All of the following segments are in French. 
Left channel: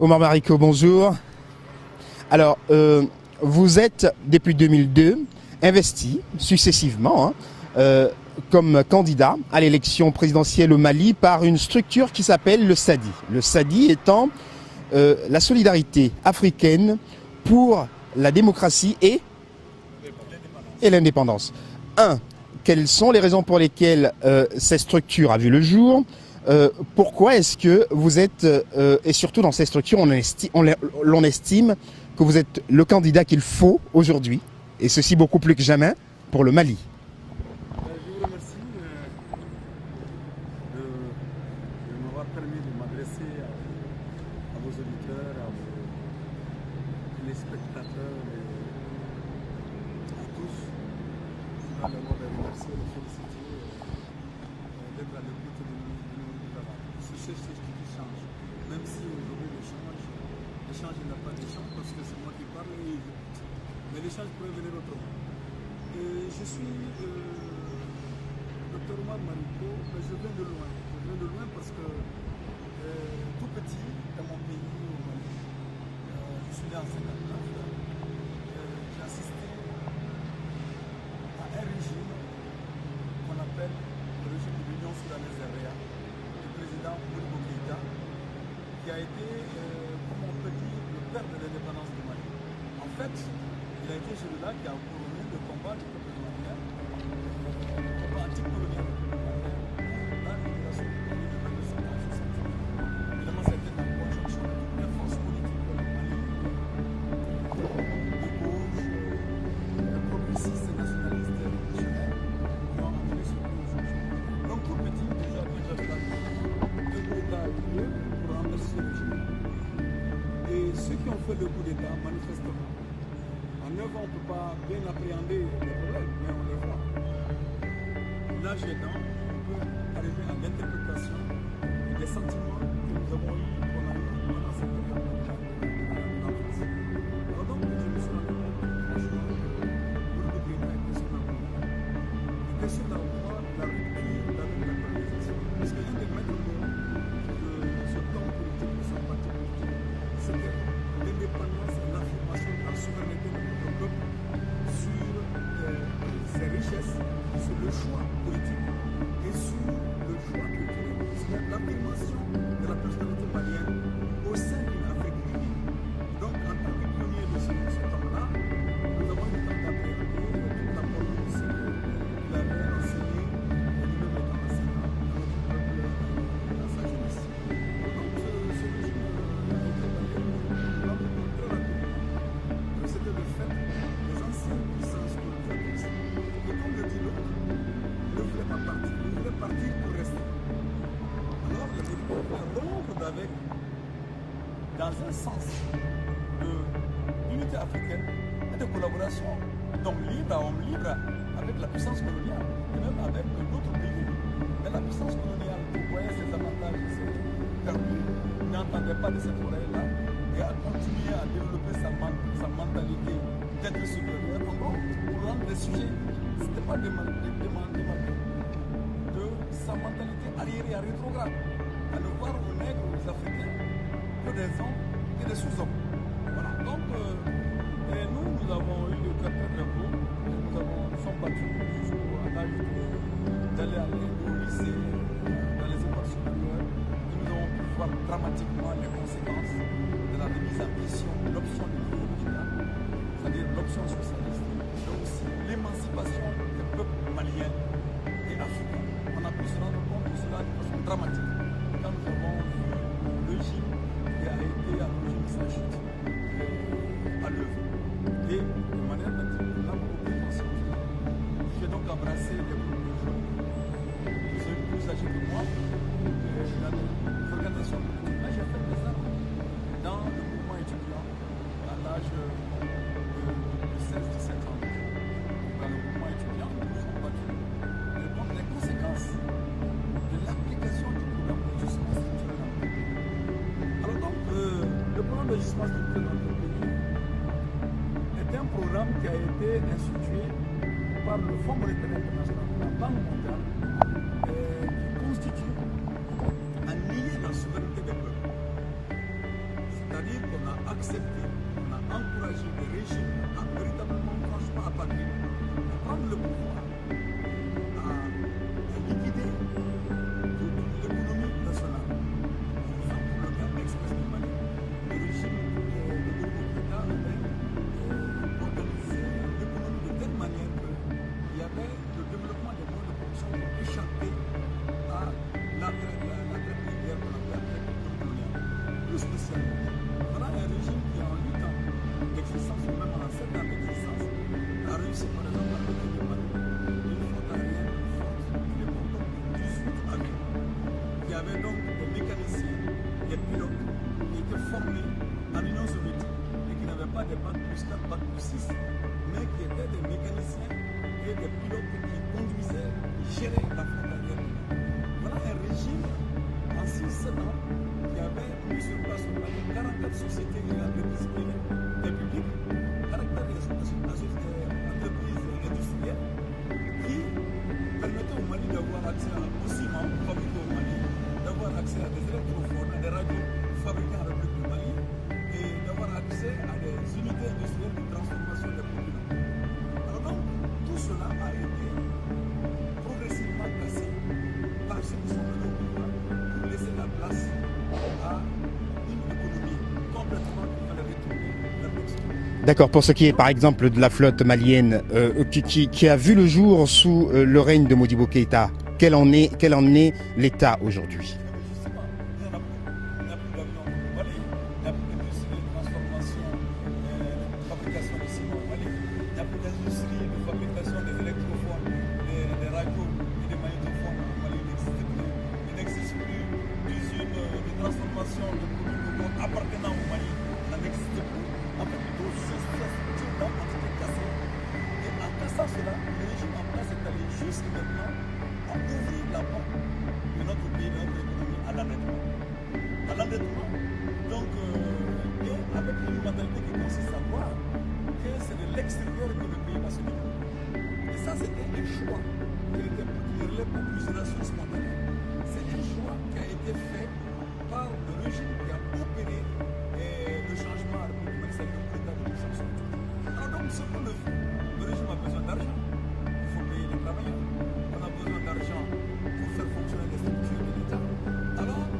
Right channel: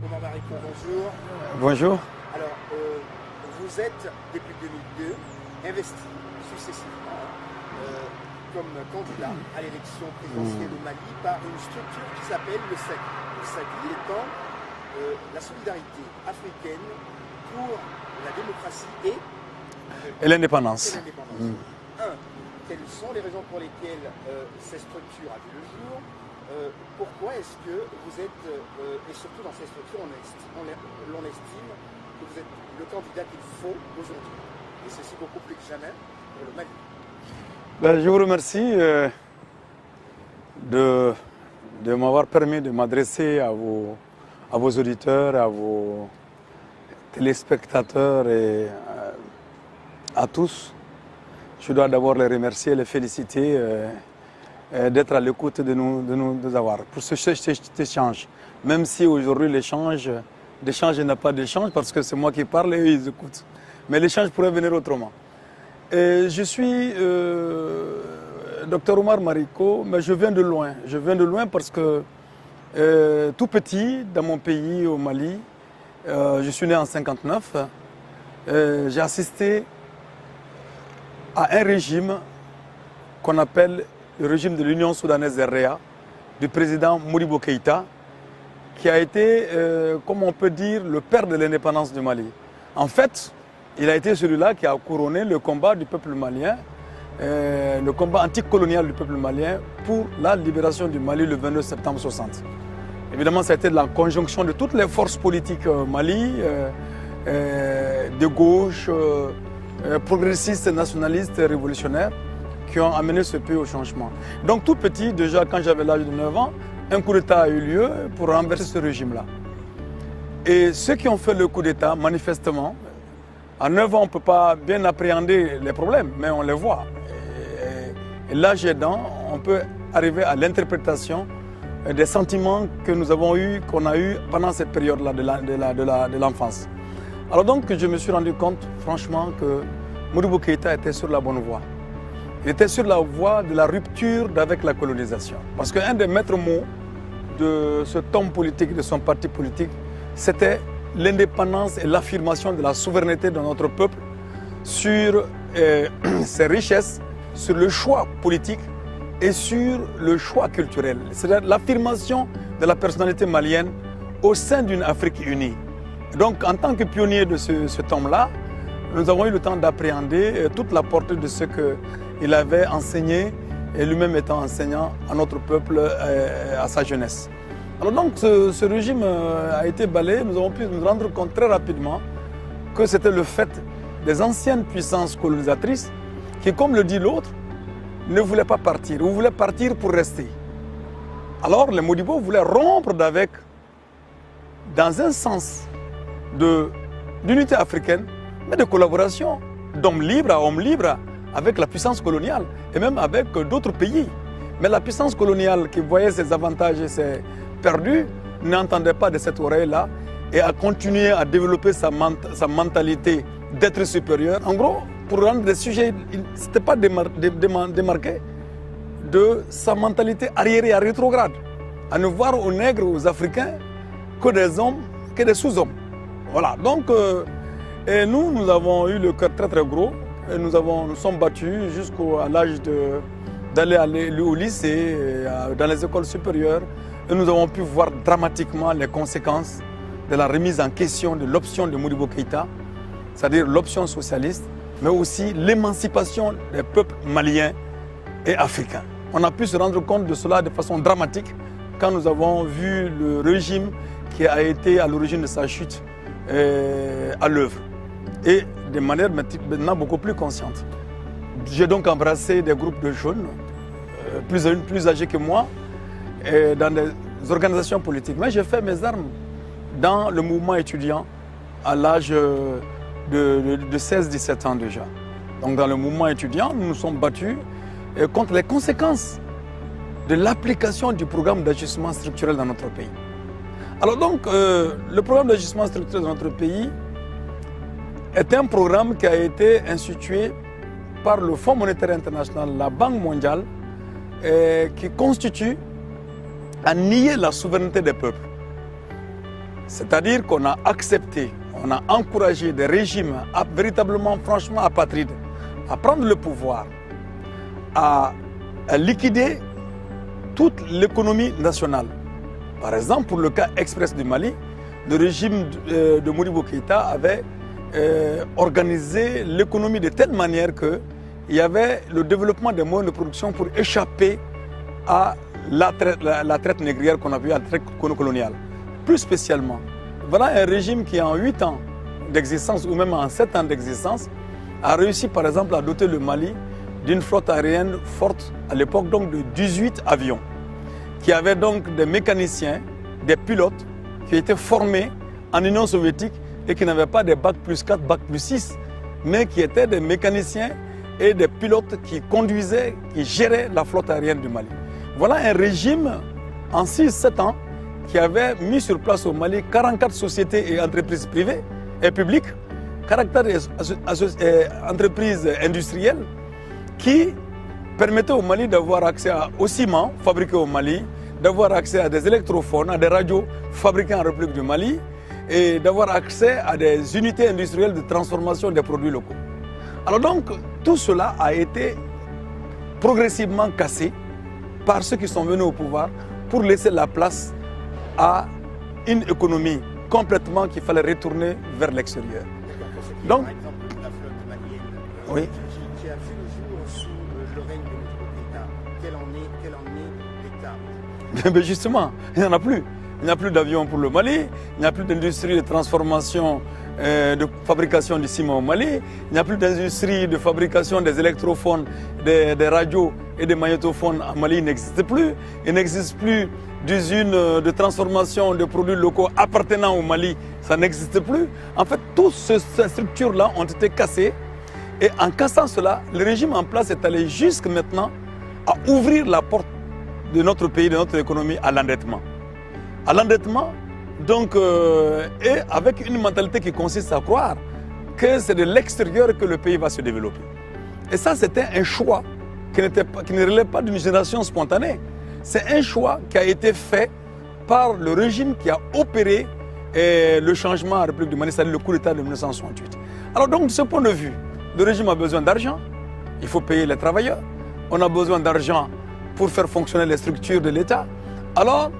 Omar Mariko, bonjour. Bonjour. Alors, vous êtes, depuis 2002, investi successivement comme candidat à l'élection présidentielle au Mali par une structure qui s'appelle le SADI. Le SADI étant la solidarité africaine pour la démocratie et l'indépendance. Quelles sont les raisons pour lesquelles cette structure a vu le jour? Pourquoi est-ce que vous êtes, et surtout dans cette structure, l'on estime que vous êtes le candidat qu'il faut aujourd'hui, et ceci beaucoup plus que jamais, pour le Mali? Je vous remercie de m'avoir permis de m'adresser à vos auditeurs, à vos téléspectateurs et à tous. Je dois d'abord les remercier, les féliciter d'être à l'écoute de nous avoir pour cet échange. Même si aujourd'hui l'échange n'a pas d'échange parce que c'est moi qui parle et eux ils écoutent. Mais l'échange pourrait venir autrement. Et je suis Dr Omar Mariko, mais je viens de loin. Je viens de loin parce que tout petit, dans mon pays, au Mali, je suis né en 1959, j'ai assisté à un régime qu'on appelle le régime de l'Union soudanaise d'Erea, du président Modibo Keïta, qui a été, comme on peut dire, le père de l'indépendance du Mali. En fait, il a été celui-là qui a couronné le combat du peuple malien, le combat anticolonial du peuple malien pour la libération du Mali le 22 septembre 1960. Évidemment, ça a été de la conjonction de toutes les forces politiques Mali, de gauche, progressistes, nationalistes, révolutionnaires, qui ont amené ce pays au changement. Donc tout petit, déjà quand j'avais l'âge de 9 ans, un coup d'État a eu lieu pour renverser ce régime-là. Et ceux qui ont fait le coup d'État, manifestement, à 9 ans, on ne peut pas bien appréhender les problèmes, mais on les voit. Et l'âge aidant, on peut arriver à l'interprétation des sentiments que nous avons eus, qu'on a eus pendant cette période-là de l'enfance. Alors donc, je me suis rendu compte, franchement, que Modibo Keïta était sur la bonne voie. Il était sur la voie de la rupture avec la colonisation. Parce qu'un des maîtres mots de cet homme politique, de son parti politique, c'était l'indépendance et l'affirmation de la souveraineté de notre peuple sur ses richesses, sur le choix politique et sur le choix culturel. C'est l'affirmation de la personnalité malienne au sein d'une Afrique unie. Donc, en tant que pionnier de cet homme-là, nous avons eu le temps d'appréhender toute la portée de ce qu'il avait enseigné, et lui-même étant enseignant à notre peuple à sa jeunesse. Alors donc, ce régime a été balayé. Nous avons pu nous rendre compte très rapidement que c'était le fait des anciennes puissances colonisatrices qui, comme le dit l'autre, ne voulaient pas partir, ou voulaient partir pour rester. Alors, les Modibo voulaient rompre d'avec, dans un sens d'unité africaine, et de collaboration d'homme libre à homme libre avec la puissance coloniale et même avec d'autres pays. Mais la puissance coloniale qui voyait ses avantages et ses perdus n'entendait pas de cette oreille-là et a continué à développer sa mentalité d'être supérieur. En gros, pour rendre des sujets, ce n'était pas démarqué de sa mentalité arriérée, rétrograde, à ne voir aux nègres, aux Africains, que des hommes, que des sous-hommes. Voilà, donc et nous avons eu le cœur très très gros et nous sommes battus jusqu'à l'âge d'aller au lycée, dans les écoles supérieures et nous avons pu voir dramatiquement les conséquences de la remise en question de l'option de Modibo Keïta, c'est-à-dire l'option socialiste, mais aussi l'émancipation des peuples maliens et africains. On a pu se rendre compte de cela de façon dramatique quand nous avons vu le régime qui a été à l'origine de sa chute à l'œuvre et de manière maintenant beaucoup plus consciente. J'ai donc embrassé des groupes de jeunes plus âgés que moi dans des organisations politiques. Mais j'ai fait mes armes dans le mouvement étudiant à l'âge de 16-17 ans déjà. Donc dans le mouvement étudiant, nous nous sommes battus contre les conséquences de l'application du programme d'ajustement structurel dans notre pays. Alors donc, le programme d'ajustement structurel dans notre pays est un programme qui a été institué par le Fonds monétaire international, la Banque mondiale, qui constitue à nier la souveraineté des peuples. C'est-à-dire qu'on a accepté, on a encouragé des régimes véritablement, franchement apatrides à prendre le pouvoir, à liquider toute l'économie nationale. Par exemple, pour le cas express du Mali, le régime de Modibo Keïta avait organisé l'économie de telle manière qu'il y avait le développement des moyens de production pour échapper à la traite négrière qu'on a vue, à la traite coloniale. Plus spécialement, voilà un régime qui en 8 ans d'existence ou même en 7 ans d'existence a réussi par exemple à doter le Mali d'une flotte aérienne forte à l'époque donc de 18 avions qui avaient donc des mécaniciens, des pilotes qui étaient formés en Union soviétique et qui n'avaient pas des bac plus 4, bac plus 6, mais qui étaient des mécaniciens et des pilotes qui conduisaient, qui géraient la flotte aérienne du Mali. Voilà un régime en 6-7 ans qui avait mis sur place au Mali 44 sociétés et entreprises privées et publiques, 44 entreprises industrielles qui permettaient au Mali d'avoir accès au ciment fabriqué au Mali, d'avoir accès à des électrophones, à des radios fabriquées en République du Mali et d'avoir accès à des unités industrielles de transformation des produits locaux. Alors donc, tout cela a été progressivement cassé par ceux qui sont venus au pouvoir pour laisser la place à une économie complètement qu'il fallait retourner vers l'extérieur. D'accord, pour ce qui est par exemple de la flotte malienne oui. qui a vu le jour sous le règne de Modibo Keïta, quel en est l'état aujourd'hui? Mais justement, il n'y en a plus. Il n'y a plus d'avions pour le Mali, il n'y a plus d'industrie de transformation, de fabrication du ciment au Mali, il n'y a plus d'industrie de fabrication des électrophones, des radios et des magnétophones en Mali, il n'existe plus. Il n'existe plus d'usines de transformation de produits locaux appartenant au Mali, ça n'existe plus. En fait, toutes ces structures-là ont été cassées et en cassant cela, le régime en place est allé jusque maintenant à ouvrir la porte de notre pays, de notre économie à l'endettement. À l'endettement, donc, et avec une mentalité qui consiste à croire que c'est de l'extérieur que le pays va se développer. Et ça, c'était un choix qui ne relève pas d'une génération spontanée. C'est un choix qui a été fait par le régime qui a opéré le changement à la République du Mali, c'est-à-dire le coup d'État de 1968. Alors donc, de ce point de vue, le régime a besoin d'argent, il faut payer les travailleurs, on a besoin d'argent pour faire fonctionner les structures de l'État. Alors,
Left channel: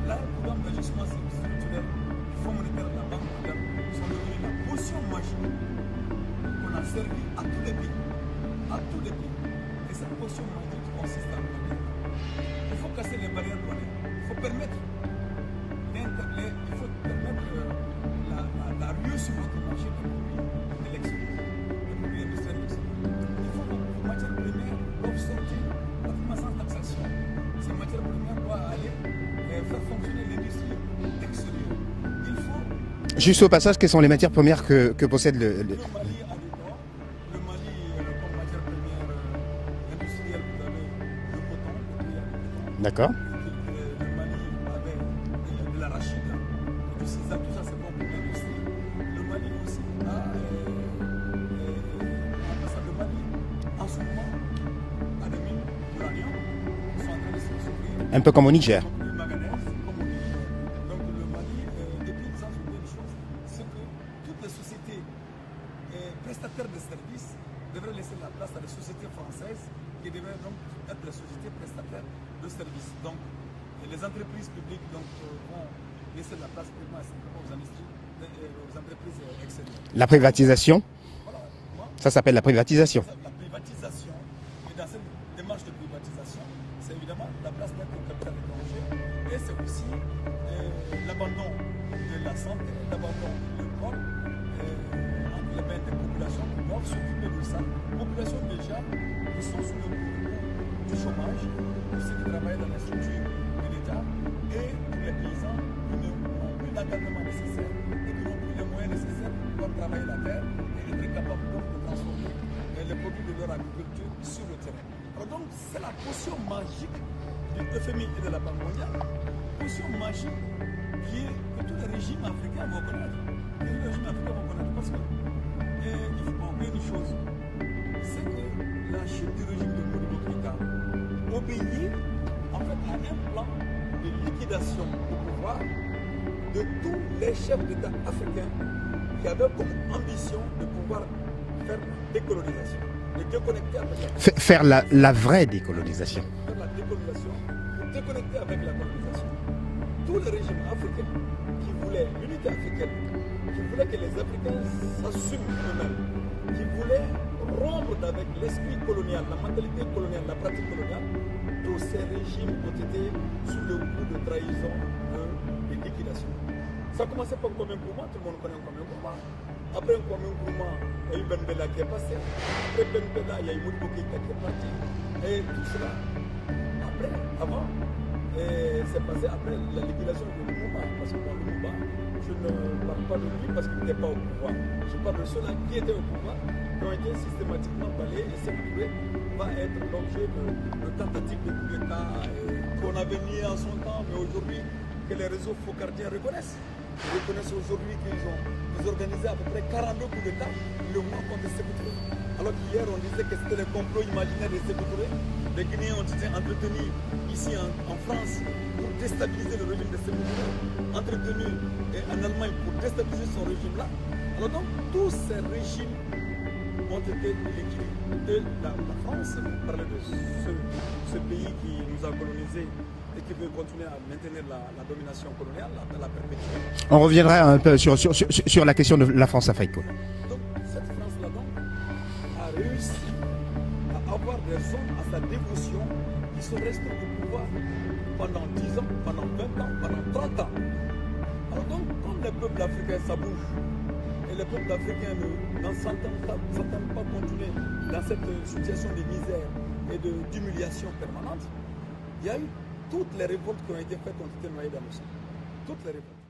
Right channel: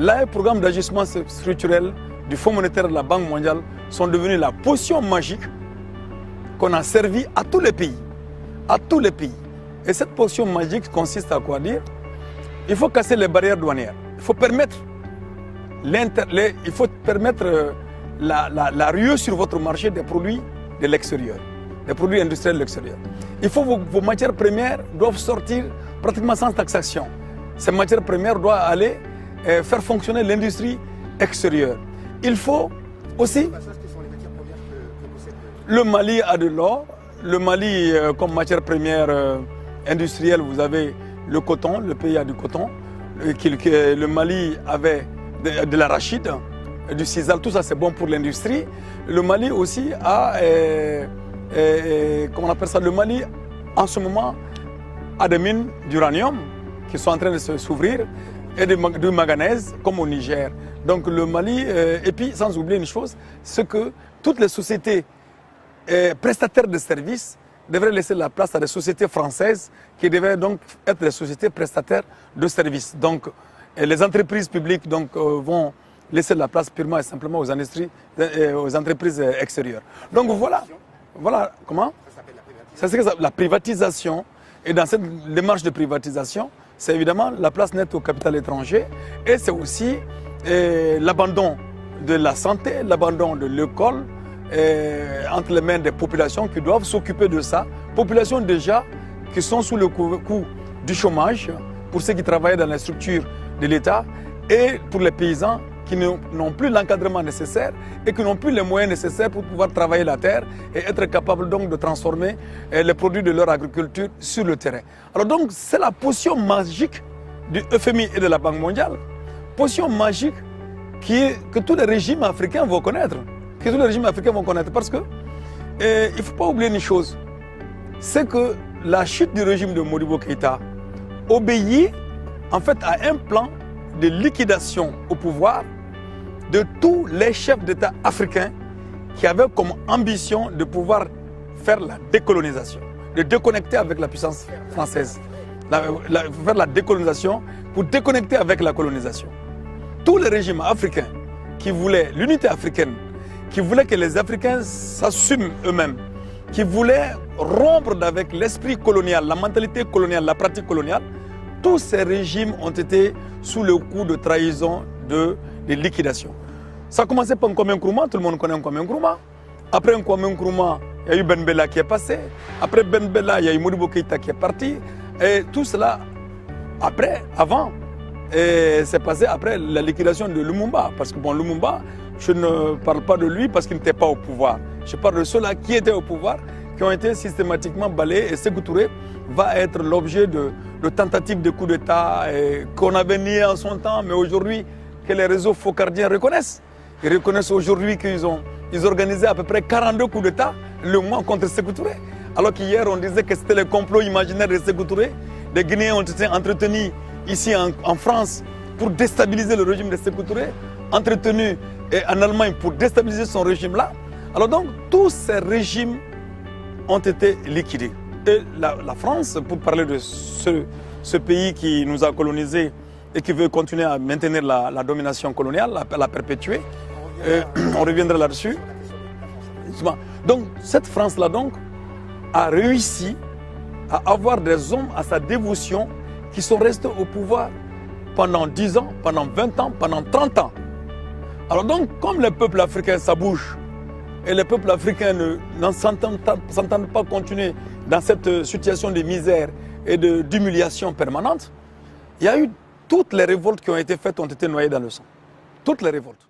là, les programmes d'ajustement structurel du Fonds monétaire de la Banque mondiale sont devenus la potion magique qu'on a servi à tous les pays. À tous les pays. Et cette potion magique consiste à quoi dire? Il faut casser les barrières douanières. Il faut permettre, la ruée sur votre marché des produits de l'extérieur, des produits industriels de l'extérieur. Il faut vos matières premières doivent sortir pratiquement sans taxation. Ces matières premières doivent aller faire fonctionner l'industrie extérieure. Il faut aussi... Juste au passage, quelles sont les matières premières que possède Le Mali a de l'or. Le Mali, comme matière première industrielle, vous avez le coton, le pays a du coton. D'accord. Le Mali avait de l'arachide, du sisal, tout ça c'est bon pour l'industrie. Le Mali aussi a, comment on appelle ça, le Mali en ce moment a des mines d'uranium qui sont en train de s'ouvrir. Un peu comme au Niger. Et de manganèse, comme au Niger. Donc le Mali, et puis sans oublier une chose, c'est que toutes les sociétés prestataires de services devraient laisser la place à des sociétés françaises qui devaient donc être des sociétés prestataires de services. Donc les entreprises publiques donc, vont laisser la place purement et simplement aux entreprises extérieures. La privatisation? Donc, voilà comment? Ça s'appelle la privatisation. La privatisation, et dans cette démarche de privatisation, c'est évidemment la place nette au capital étranger et c'est aussi l'abandon de la santé, l'abandon de l'école entre les mains des populations qui doivent s'occuper de ça. Populations déjà qui sont sous le coup du chômage, pour ceux qui travaillent dans les structures de l'État et pour les paysans qui n'ont plus l'encadrement nécessaire et qui n'ont plus les moyens nécessaires pour pouvoir travailler la terre et être capables donc de transformer les produits de leur agriculture sur le terrain. Alors donc c'est la potion magique du FMI et de la Banque mondiale, potion magique que tous les régimes africains vont connaître, parce que il ne faut pas oublier une chose, c'est que la chute du régime de Modibo Keïta obéit en fait à un plan de liquidation au pouvoir de tous les chefs d'État africains qui avaient comme ambition de pouvoir faire la décolonisation, de déconnecter avec la puissance Faire la vraie décolonisation. décolonisation. Faire la décolonisation pour déconnecter avec la colonisation. Tous les régimes africains qui voulaient l'unité africaine, qui voulaient que les Africains s'assument eux-mêmes, qui voulaient rompre avec l'esprit colonial, la mentalité coloniale, la pratique coloniale, tous ces régimes ont été sous le coup de trahison, de liquidation. Ça a commencé par Kwame Nkrumah, tout le monde connaît Kwame Nkrumah. Après Kwame Nkrumah, il y a eu Ben Bella qui est passé. Après Ben Bella, il y a eu Modibo Keïta qui est parti. Et tout cela, avant, c'est passé après la liquidation de Lumumba. Parce que Lumumba, je ne parle pas de lui parce qu'il n'était pas au pouvoir. Je parle de ceux-là qui étaient au pouvoir, qui ont été systématiquement balayés. Et Sékou Touré va être l'objet de tentatives de coup d'État qu'on avait nié en son temps, mais aujourd'hui, que les réseaux focardiens reconnaissent. Ils reconnaissent aujourd'hui qu'ils organisaient à peu près 42 coups d'État le mois contre Sékou Touré. Alors qu'hier, on disait que c'était le complot imaginaire de Sékou Touré. Les Guinéens ont été entretenus ici en France pour déstabiliser le régime de Sékou Touré, entretenus en Allemagne pour déstabiliser son régime-là. Alors donc, tous ces régimes ont été liquidés. Et la France, pour parler de ce pays qui nous a colonisés et qui veut continuer à maintenir la domination coloniale, la perpétuer. On reviendra un peu sur la question de la France-Afrique. Donc cette France-là a réussi à avoir des hommes à sa dévotion qui sont restés au pouvoir pendant 10 ans, pendant 20 ans, pendant 30 ans. Alors donc, comme les peuples africains, ça bouge, et les peuples africains ne s'entendent pas continuer dans cette situation de misère et d'humiliation permanente, il y a eu toutes les révoltes qui ont été faites ont été noyées dans le sang. Toutes les révoltes.